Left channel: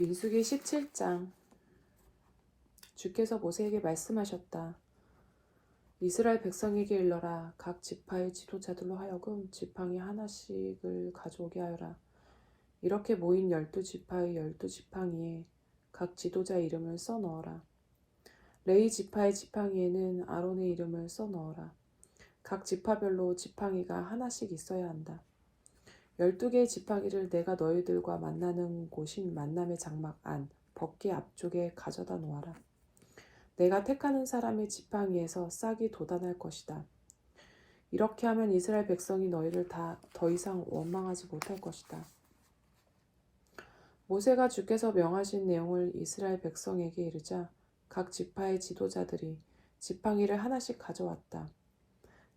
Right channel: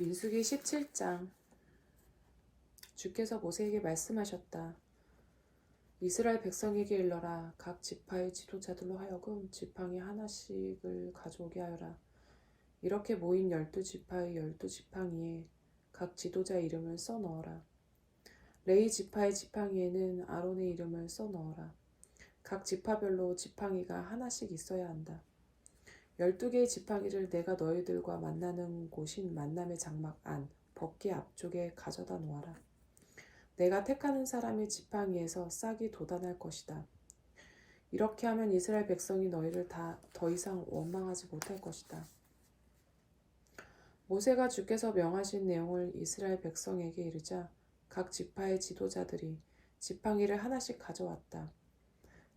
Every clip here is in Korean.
민수기 17장. 주께서 모세에게 말씀하셨다. 이스라엘 백성에게 일러라. 각 지파의 지도자들로 하여금 지팡이 하나씩을 가져오게 하여라. 이렇게 모인 12지파의 12지팡이에 각 지도자 이름을 써넣어라. 레위 지파의 지팡이에는 아론의 이름을 써넣어라. 각 지파별로 지팡이가 하나씩 있어야 한다. 12개의 지팡이를 내가 너희들과 만나는 곳인 만남의 장막 안 법궤 앞쪽에 가져다 놓아라. 내가 택하는 사람의 지팡이에서 싹이 돋아날 것이다. 이렇게 하면 이스라엘 백성이 너희를 더 이상 원망하지 못할 것이다. 모세가 주께서 명하신 내용을 이스라엘 백성에게 이르자 각 지파의 지도자들이 지팡이를 하나씩 가져왔다.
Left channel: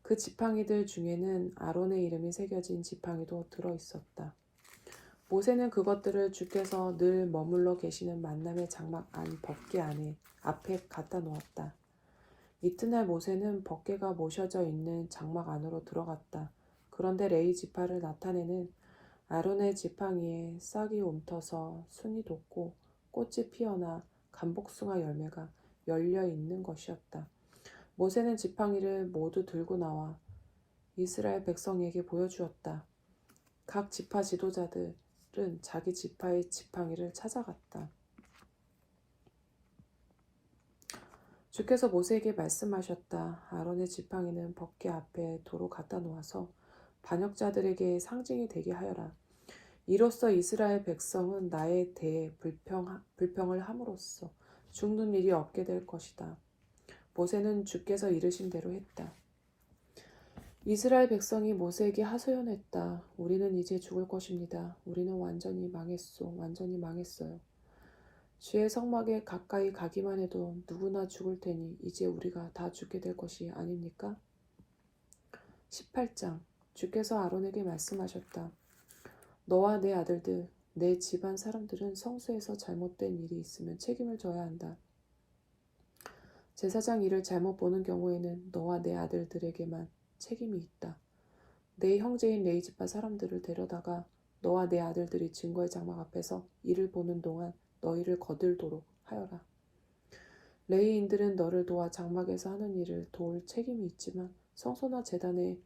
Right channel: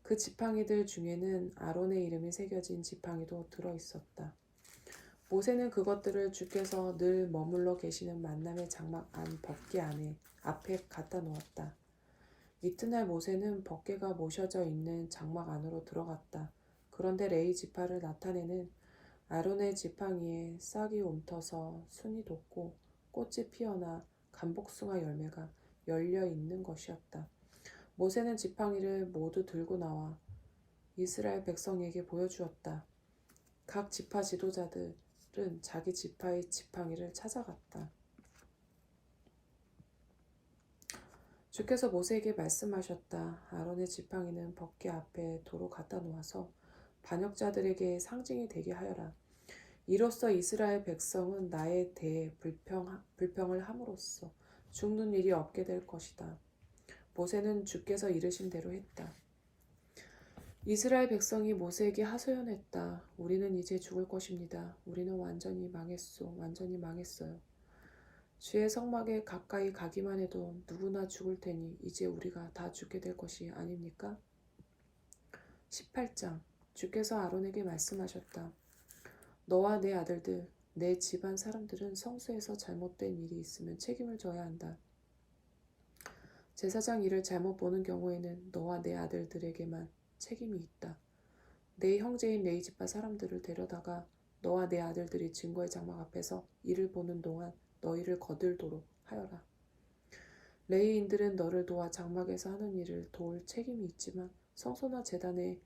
그 지팡이들 중에는 아론의 이름이 새겨진 지팡이도 들어있었다. 모세는 그것들을 주께서 늘 머물러 계시는 만남의 장막 안 법궤 안에 앞에 갖다 놓았다. 이튿날 모세는 법궤가 모셔져 있는 장막 안으로 들어갔다. 그런데 레위 지파를 나타내는 아론의 지팡이에 싹이 움터서 순이 돋고 꽃이 피어나 감복숭아 열매가 열려 있는 것이었다. 모세는 지팡이를 모두 들고 나와 이스라엘 백성에게 보여주었다. 각 지파 지도자들은 자기 지파의 지팡이를 찾아갔다. 주께서 모세에게 말씀하셨다. 아론의 지팡이는 법궤 앞에 도로 갖다 놓아서 반역자들에게 상징이 되게 하여라. 이로써 이스라엘 백성은 나에 대해 불평을 함으로써 죽는 일이 없게 될 것이다. 모세는 주께서 이르신 대로 했다. 이스라엘 백성이 모세에게 하소연했다. 우리는 이제 죽을 것입니다. 우리는 완전히 망했어요. 주의 성막에 가까이 가기만 해도 누구나 죽을 테니 이제 우리가 다 죽게 될 것이 아닙니까? 18장. 주께서 아론에게 말씀하셨다. 너와 내 아들들, 내 집안 사람들은 성소에서 잘못된 일이 있으면 책임을 져야 한다. 제사장 일을 잘못 보는 경우에는 너와 내 아들들에게만 책임이 있다. 내 형제인 레위 지파 사람들을 데려다가 너와 내 아들들이 증거의 장막 앞에서 일을 보는 동안 너희를 거들도록 하여라. 레위인들은 너를 도와 장막에서 하는 일을 도울 책임이 있지만 성소나 제단의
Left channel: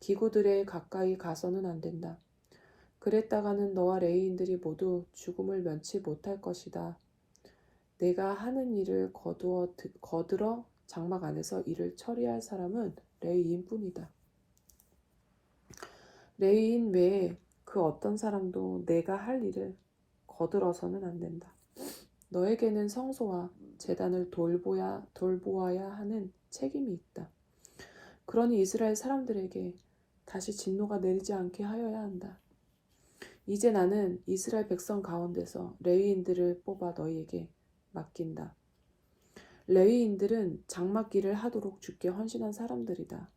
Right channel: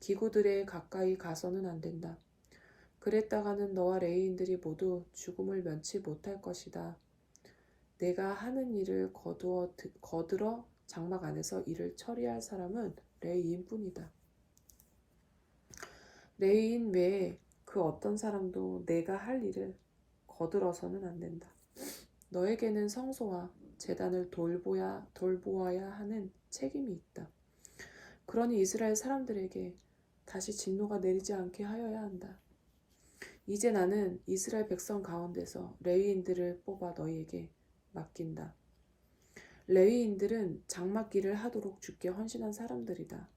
기구들에 가까이 가서는 안 된다. 그랬다가는 너와 레위인들이 모두 죽음을 면치 못할 것이다. 내가 하는 일을 거들어 장막 안에서 일을 처리할 사람은 레위인뿐이다. 레위인 외에 그 어떤 사람도 내가 할 일을 거들어서는 안 된다. 너에게는 성소와 제단을 돌보아야 하는 책임이 있다. 그러니 이스라엘 사람들에게 다시 진노가 내리지 않게 하여야 한다. 이제 나는 이스라엘 백성 가운데서 레위인들을 뽑아 너희에게 맡긴다. 레위인들은 장막 일을 하도록 주께 헌신한 사람들이다.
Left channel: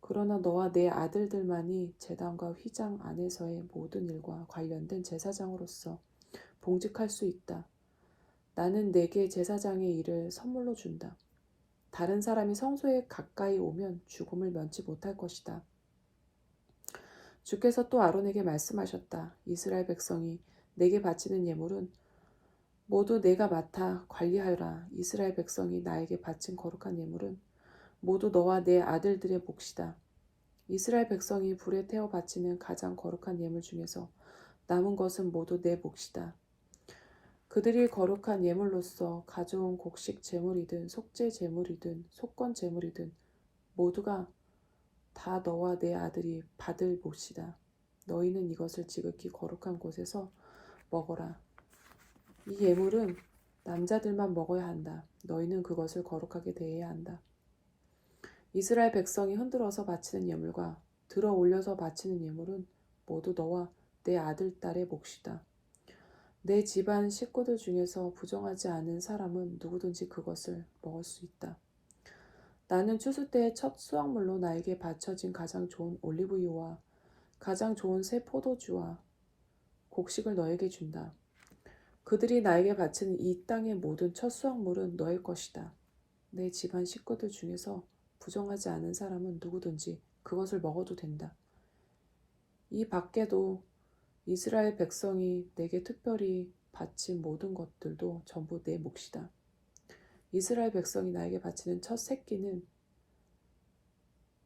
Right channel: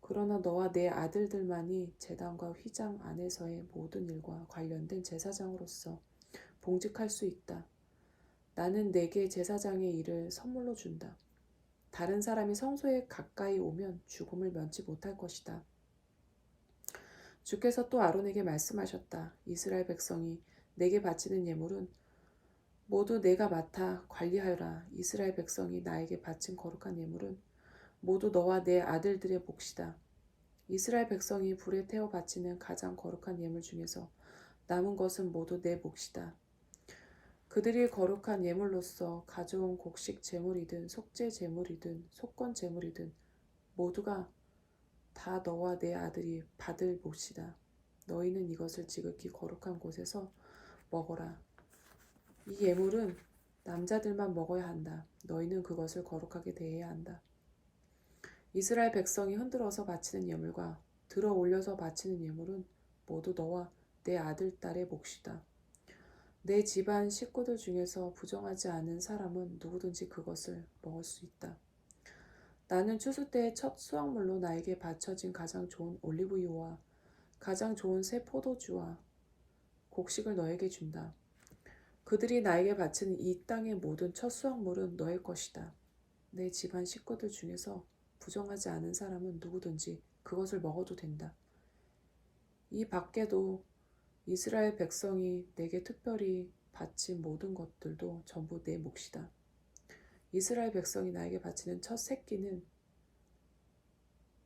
그러나 너와 내 아들들만이 제단과 휘장 안에서의 모든 일과 관련된 제사장으로서 봉직할 수 있다. 나는 내게 제사장의 일을 선물로 준다. 다른 사람이 성소에 가까이 오면 죽음을 면치 못할 것이다. 주께서 또 아론에게 말씀하셨다. 이스라엘 백성이 내게 바치는 예물은 모두 내가 맡아 관리하여라. 이스라엘 백성이 나에게 바친 거룩한 예물은 모두 너와 내 아들들의 몫이다. 이스라엘 백성이 불에 태워 바치는 가장 거룩한 예물 중에서 남은 것은 모두 내 몫이다. 그들이 거룩한 예물로서 가져온 곡식 제물이든 속죄 제물이든 속건 제물이든 모두가 다 너와 내 아들이 받을 몫이다. 너희는 이것을 지극히 거룩한 곳에서 먹어라. 이 예물은 남자들만 먹어야 한다. 너희는 그것을 거룩하게 대해야 한다. 이스라엘 백성이 흔들어서 바치는 예물과 들어 올려서 바치는 예물은 모두 너와 내 아들, 딸의 몫이다. 내 집안 식구들 중에서 부정하지 않은 사람은 누구든지 그것을 먹을 수 있다. 나는 추수 때의 첫 수확물로 나에게 바쳐진 가장 좋은 올리브유와 가장 좋은 새 포도주와 곡식을 너에게 준다. 그들이 나에게 바치는 이 땅의 모든 첫 수확물은 너의 것이다. 내 집안 식구들 중에서 부정하지 않은 사람은 누구든지 그것을 먹어도 된다. 이 밖에도 이스라엘 백성이 내게 특별히 바친 모든 것들도 전부 내 몫이다. 이스라엘 백성이 나에게 바치는 첫 새끼는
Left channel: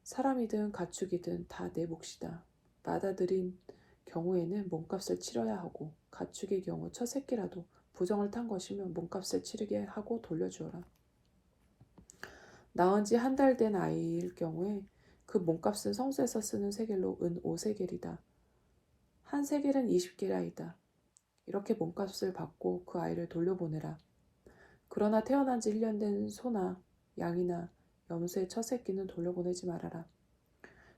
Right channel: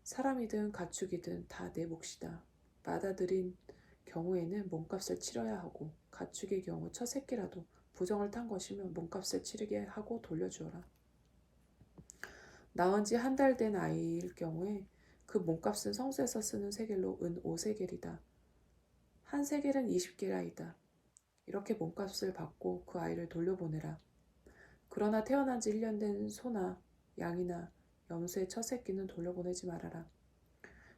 사람이든 가축이든 다 내 몫이다. 받아들인 경우에는 몸값을 치러야 하고, 가축의 경우 첫 새끼라도 부정을 탄 것이면 몸값을 치르게 하고 돌려주어라. 낳은 지 한 달 된 아이일 경우에 그 몸값은 성소에서 쓰는 세겔로 은 5세겔이다. 한 세겔은 20게라이다. 이렇게 몸값을 받고 그 아이를 돌려보내라. 그러나 태어난 지 1년 된 소나 양이나 염소의 첫 새끼는 돌려보내지 말아라.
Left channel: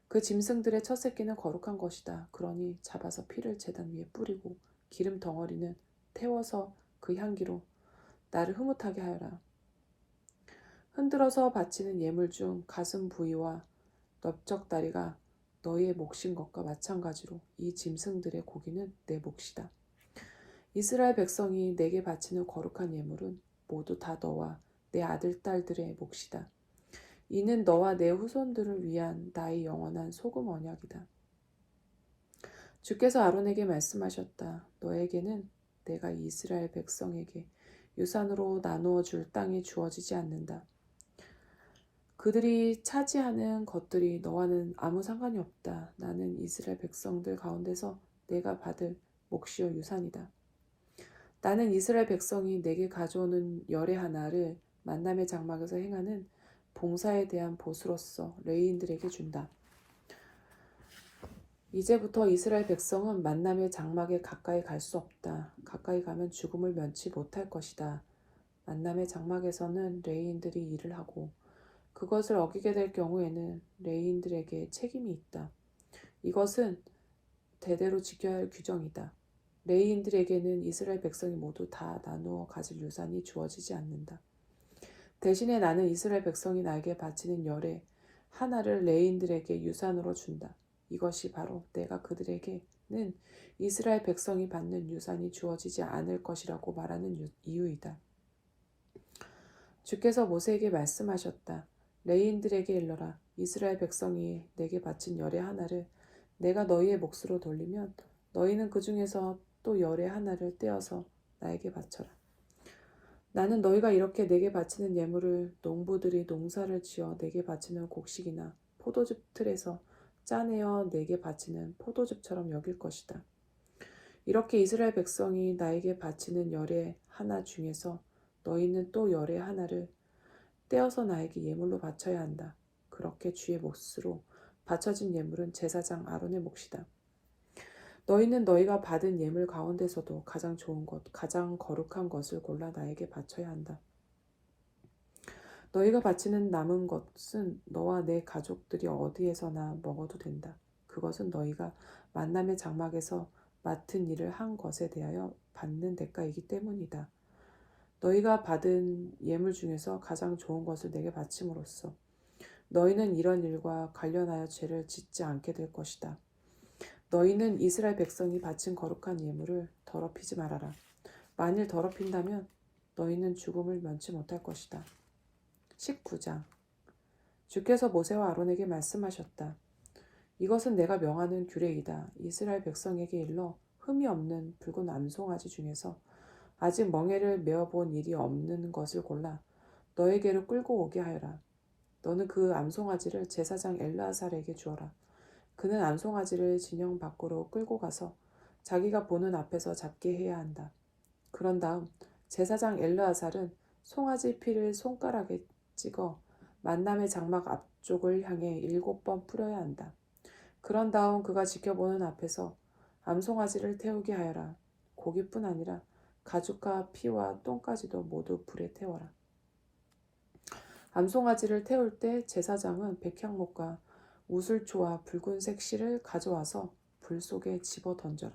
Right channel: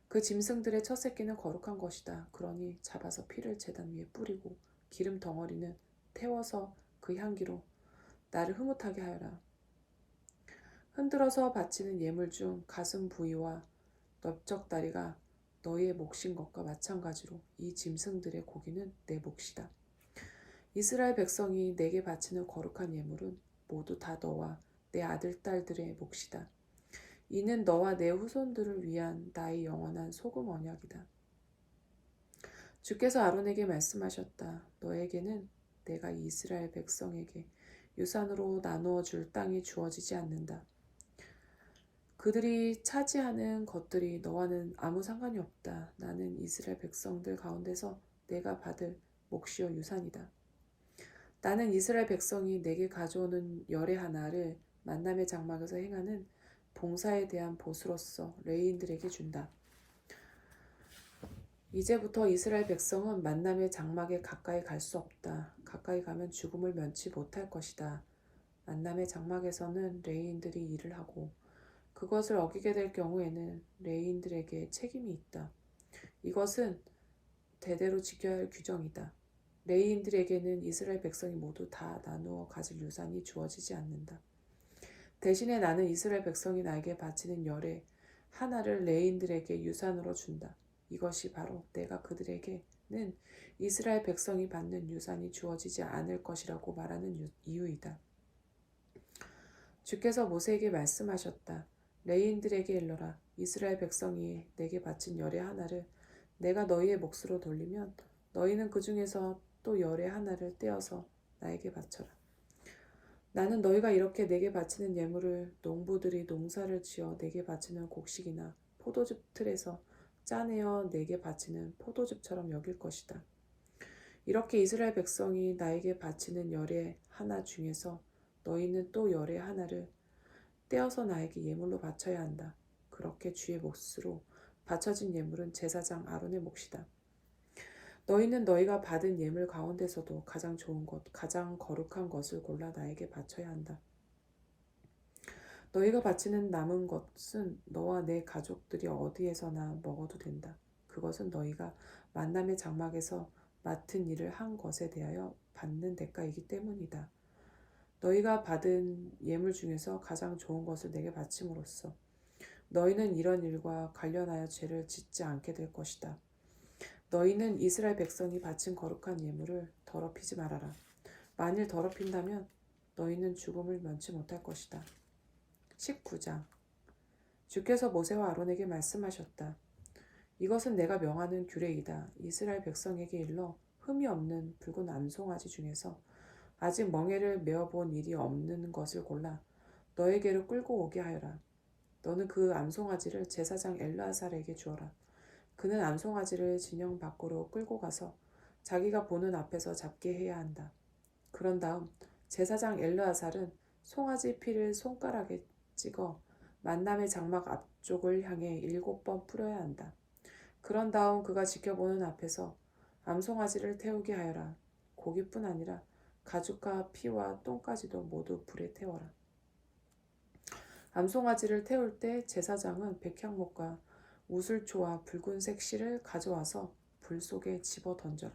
그 짐승들의 첫 새끼는 거룩한 것이다. 그러니 잡아서 피를 제단 위에 뿌리고 기름 덩어리는 태워서 그 향기로 나를 흐뭇하게 하여라. 흔들어서 바치는 예물 중 가슴 부위와 넓적다리가 너희의 몫인 것과 마찬가지로 이 짐승들의 고기는 내 몫이다. 이스라엘 백성이 내게 바치는 거룩한 예물은 모두 다 너와 내 아들, 딸들의 몫이다. 이는 너와 내 후손들을 위한 나의 영원한 소금 언약이다. 주께서 아론에게 말씀하셨다. 너에게는 내가 이스라엘 백성에게 유산으로 나누어 줄 땅이 주어지지 않는다. 그들이 차지하는 것들이 너와는 아무 상관이 없다. 나는 이스라엘 백성들 가운데서 내가 받을 몫이요 유산이다. 나는 이스라엘 백성이 내게 가져오는 열의 하나를 만남의 장막에서 행하는 봉사에 대한 보수로서 레위인들에게 준다. 이제부터 이스라엘 백성은 만남의 장막에 가까이 갈 수 없다. 가까이 가면 죽음을 면치 못할 것이다. 만남의 장막에서는 레위인들이 일을 하고 그것을 어기게 될 경우에는 레위인들에게 책임이 있다. 이것은 대대로 지켜야 할 규정이다. 레위인들에게는 이스라엘 백성이 모두 다 나누어 가질 유산이 주어지지 않는다. 대신에 나는 이스라엘 백성이 나에게 바치는 열의 하나를 레위인들에게 유산으로 준다. 이것이 바로 내가 그들에게는 이스라엘 백성이 받는 유산이 주어지지 않을 것이라고 말하는 이유이다. 주께서 모세에게 말씀하셨다. 레위인들에게 일러라. 이스라엘 백성이 내게 바친 열의 하나를 내가 너희의 몫으로 돌리면 너희는 그 중에서 또 열의 하나를 떼어서 나에게 바쳐라. 나는 너희가 이렇게 내게 바치는 예물을 농부들이 농사를 지어 내게 바치는 곡식이나 포도즙 틀에서 짜내어 내게 바치는 포도즙처럼 여길 것이다. 이렇게 이스라엘 백성이 나에게 바치는 열의 하나 중에서 너희는 또 열의 하나를 떼어서 나에게 예물로 바쳐야 한다. 그렇게 주의 몫으로 바쳐진 예물은 제사장 아론의 몫이다. 너희는 너희가 받은 예물 가운데서도 가장 좋은 것, 가장 거룩한 것을 골라 나에게 바쳐야 한다. 너희가 바치는 남은 것은 너와 내 가족들이 어디에서나 먹어도 된다. 그것은 너희가 만남의 장막에서 맡은 일을 한 것에 대하여 받는 대가이기 때문이다. 너희가 받은 예물 중에서 가장 좋은 것을 내게 바침으로써 너희는 이런 일과 관련하여 죄를 짓지 않게 될 것이다. 너희는 이스라엘 백성이 바친 거룩한 예물을 더럽히지 말아라. 만일 더럽힌다면 너희는 죽음을 면치 못할 것이다. 19장 주께서 모세와 아론에게 말씀하셨다. 이것은 내가 명하는 규례이다. 이스라엘 백성에게 일러 흠이 없는 붉은 암송아지 중에서 아직 멍에를 메어본 일이 없는 것을 골라 너에게로 끌고 오게 하여라. 너는 그 암송아지를 제사장 엘르아살에게 주어라. 그는 암송아지를 진영 밖으로 끌고 가서 자기가 보는 앞에서 잡게 해야 한다. 그런 다음 제사장 엘르아살은 송아지 피를 손가락에 찍어 만남의 장막 앞쪽을 향해 7번 뿌려야 한다. 그런 다음 그가 지켜보는 앞에서 암송아지를 태우게 하여라. 고기뿐 아니라 가죽과 피와 똥까지도 모두 불에 태워라. 암송아지를 태울 때 제사장은 백향목과 우슬초와 붉은색 실을 가져와서 불 속에 집어 던져라.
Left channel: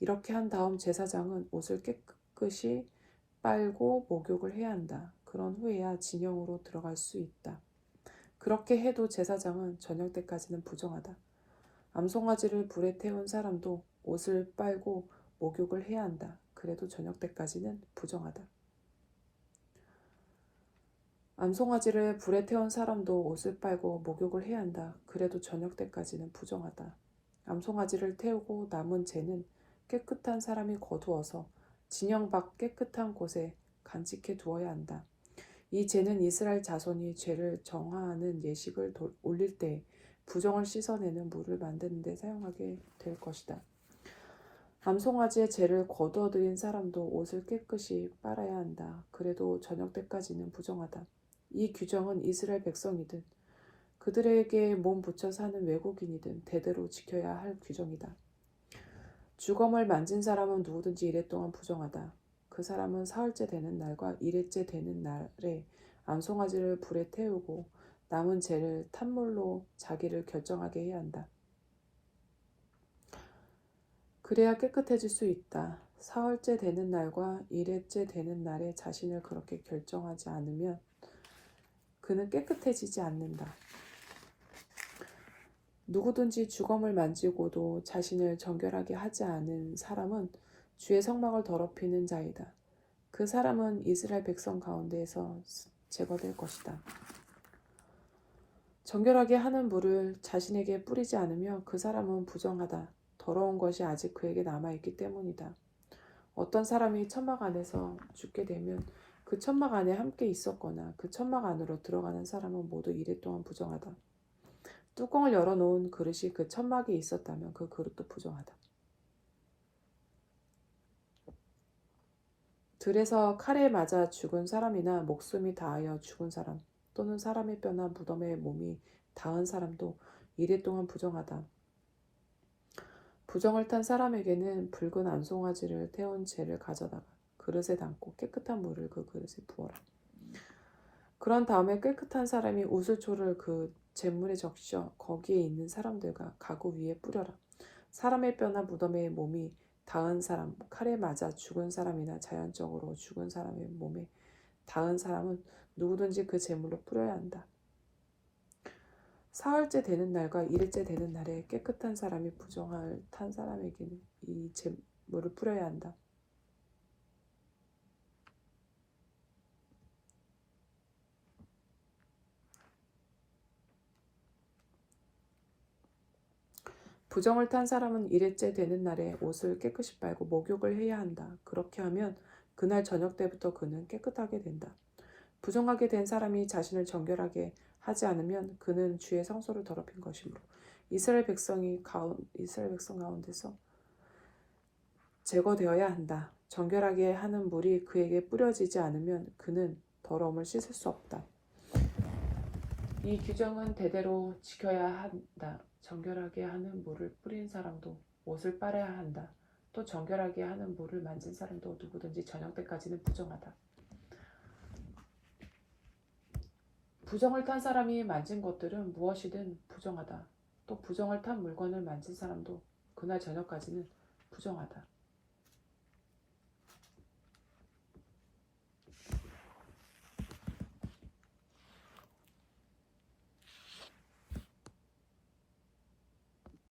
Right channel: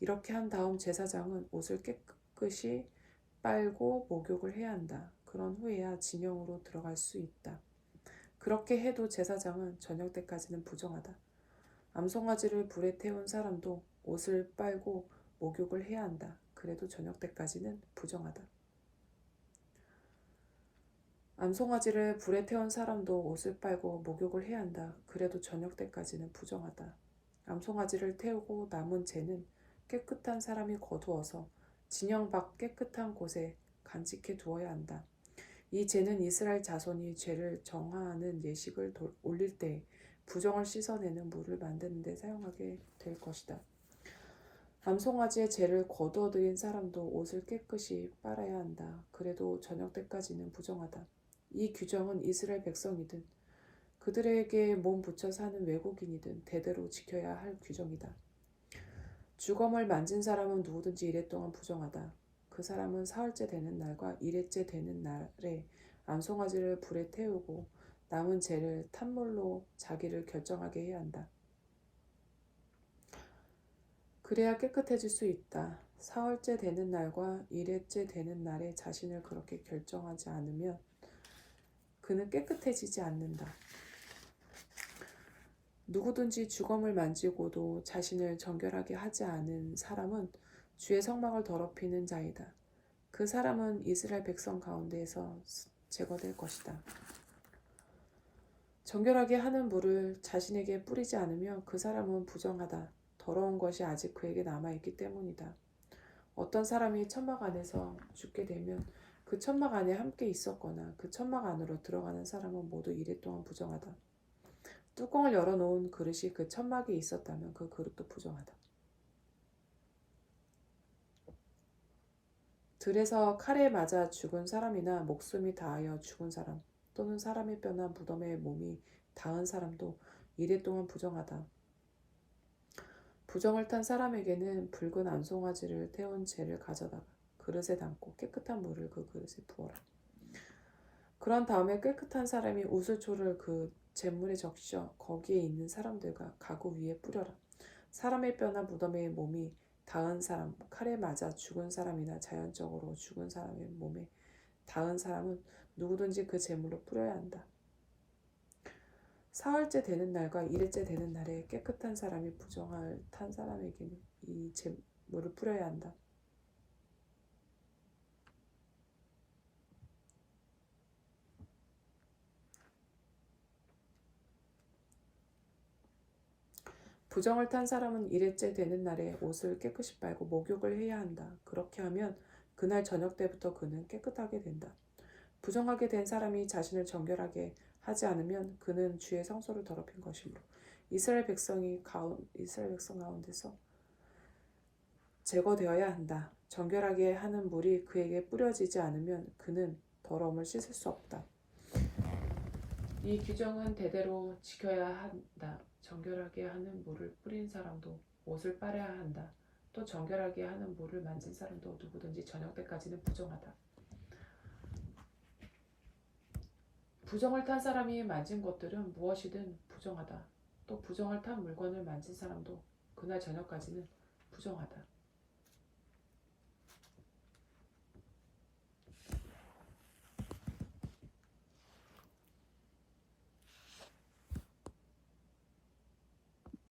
이렇게 한 다음 제사장은 옷을 깨끗이 빨고 목욕을 해야 한다. 그런 후에야 진영으로 들어갈 수 있다. 그렇게 해도 제사장은 저녁 때까지는 부정하다. 암송아지를 불에 태운 사람도 옷을 빨고 목욕을 해야 한다. 그래도 저녁 때까지는 부정하다. 암송아지를 불에 태운 사람도 옷을 빨고 목욕을 해야 한다. 그래도 저녁 때까지는 부정하다. 암송아지를 태우고 남은 재는 깨끗한 사람이 거두어서 진영 밖 깨끗한 곳에 간직해 두어야 한다. 이 재는 이스라엘 자손이 죄를 정화하는 예식을 올릴 때 부정을 씻어내는 물을 만드는 데 사용하게 될 것이다. 암송아지의 죄를 거두어들인 사람도 옷을 깨끗이 빨아야 한다. 그래도 저녁 때까지는 부정하다. 이 규정은 이스라엘 백성이든 그들에게 몸 붙여 사는 외국인이든 대대로 지켜야 할 규정이다. 주검을 만진 사람은 누구든지 이래 동안 부정하다. 그 사람은 사흘째 되는 날과 일회째 되는 날에 암송아지를 불에 태우고 남은 재를 탄물로 자기를 결정하게 해야 한다. 그래야 깨끗해질 수 있다. 사흘째 되는 날과 일회째 되는 날에 자신을 그렇게 결정하지 않으면 그는 깨끗해지지 않는다. 누구든지 주검을 만지고도 자신을 정결하게 하지 않은 사람은 주의 성막을 더럽히는 자이다. 그 사람은 이스라엘 백성 가운데에서 제거될 것이다. 정결하게 하는 물을 자신에게 뿌리지 않으면 그 사람은 부정하다. 더러운 것이 아직 그에게 남아있기 때문이다. 어떤 사람이 천막 안에서 죽게 되면 그 천막 안에 함께 있었거나 그 천막 안으로 들어가는 사람은 모두 이래 동안 부정하다. 뚜껑을 열어놓은 그릇이 그 천막에 있었다면 그 그릇도 부정하다. 들에서 칼에 맞아 죽은 사람이나 목숨이 닿아 죽은 사람 또는 사람의 뼈나 무덤에 몸이 닿은 사람도 이래 동안 부정하다. 부정을 탄 사람에게는 붉은 암송아지를 태운 재를 가져다가 그릇에 담고 깨끗한 물을 그 그릇에 부어라. 그런 다음에 깨끗한 사람이 우슬초를 그 잿물에 적셔 거기에 있는 사람들과 가구 위에 뿌려라. 사람의 뼈나 무덤에 몸이 닿은 사람, 칼에 맞아 죽은 사람이나 자연적으로 죽은 사람의 몸에 닿은 사람은 누구든지 그 잿물로 뿌려야 한다. 사흘째 되는 날과 일일째 되는 날에 깨끗한 사람이 부정을 탄 사람에게는 이 잿물을 뿌려야 한다. 부정을 탄 사람은 일회째 되는 날에 옷을 깨끗이 빨고 목욕을 해야 한다. 그렇게 하면 그날 저녁 때부터 그는 깨끗하게 된다. 부정하게 된 사람이 자신을 정결하게 하지 않으면 그는 주의 성소를 더럽힌 것이므로 이스라엘 백성 가운데서 제거되어야 한다. 정결하게 하는 물이 그에게 뿌려지지 않으면 그는 더러움을 씻을 수 없다. 이 규정은 대대로 지켜야 한다. 정결하게 하는 물을 뿌린 사람도 옷을 빨아야 한다. 또 정결하게 하는 물을 만진 사람도 누구든지 저녁 때까지는 부정하다. 부정을 탄 사람이 만진 것들은 무엇이든 부정하다. 또 부정을 탄 물건을 만진 사람도 그날 저녁까지는 부정하다.